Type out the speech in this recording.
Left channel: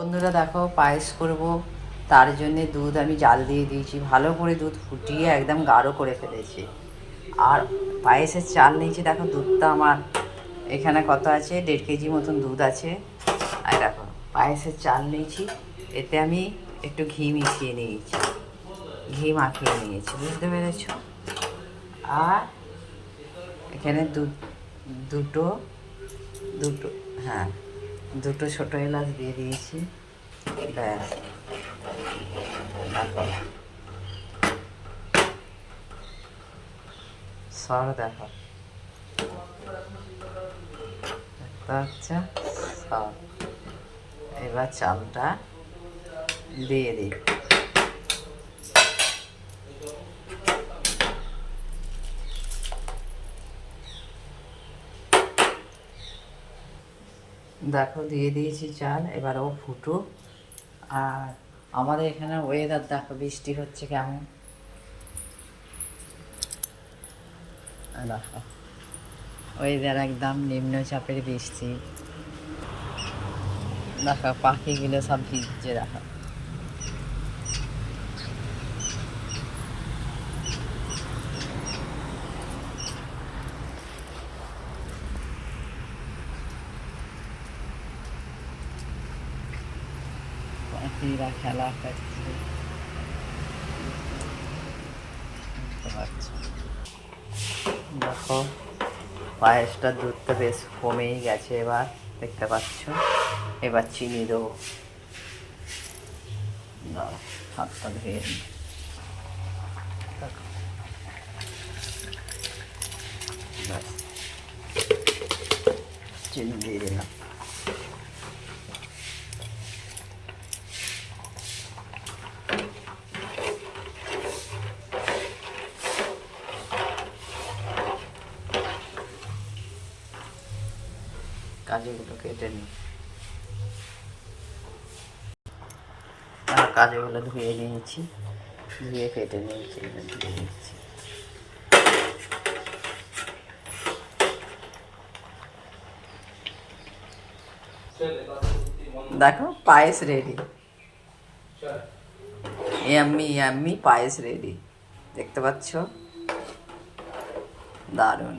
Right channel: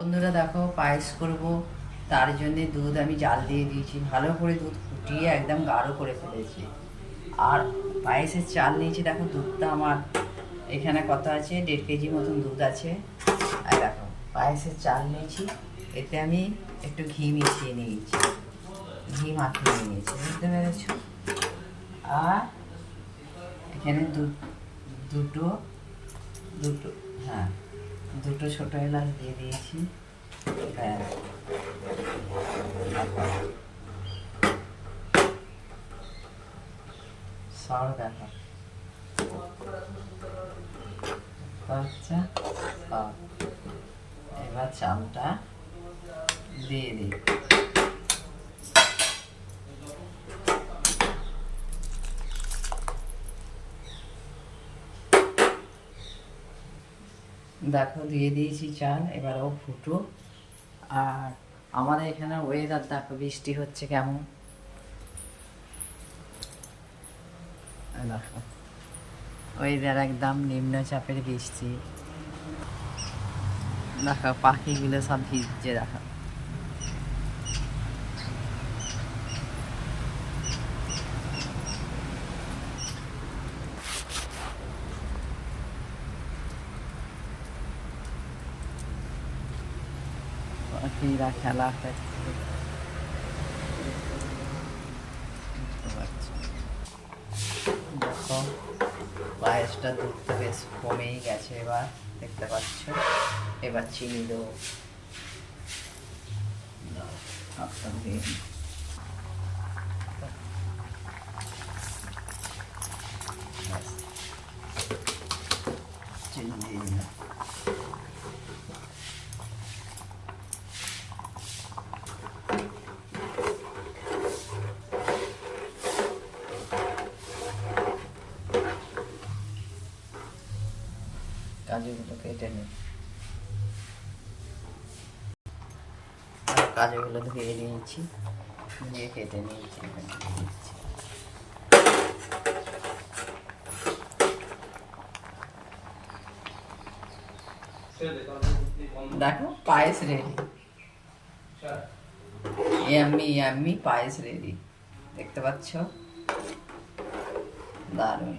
বন্ধুরা দেখো, পায়েস করব। তার জন্যে দুধ আমি জাল দিয়ে দিয়েছি, ভালো করে দুধ ফুটিয়ে একদম গাঢ় করে ফেলেছি। আর পায়েসের চাল নিয়েছি, দেখো দুধটা আমার এখানে কত আছে, 1.5 কেজি মতন দুধ আছে। আর দেখো পায়েসের চাল নিয়েছি, এতে আমি একটু ঘি মিশিয়ে নিয়েছি, ঘি মাখিয়ে নিয়েছি, বুঝতে পেরেছ? আর এখানে দুটো দুটো হ্যাঁ, দুটো ছোটো এলাচ দিয়ে দিয়েছি। ব্যাস, সর দেখো, আচ্ছা সর। এবার চালটা দিয়ে দিই। দেখো দিয়ে দিয়েছি চাল, এবার ও ফুটুক। আর আমাদের এখানে ওয়েদার দেখো, বৃষ্টি হচ্ছে কেমন, দেখো ওয়েদার একদম নিম্নচাপের বৃষ্টি। দেখো পাখিগুলো সব ভিজছে, দেখো পাখিরা খেলা করছে, বুঝতে পারছো? দেখো পায়েসটা দুধটা বেশ কমেই গেছে, এবার দেখতে পাচ্ছ। এবার চিনি দেবো, হাতটা ধুয়ে নিই। দেখো ব্যাস, চিনি দিয়ে দিলাম। কাজুগুলো কেটে নিই, কাজুগুলো ধুয়ে নিয়েছি, ধুয়ে কেটে নিয়েছি, দিচ্ছি। দেখো পায়েস রেডি, ইয়াম্মি ইয়াম্মি পায়েস রেডি, দেখতে পাচ্ছ? দারুণ।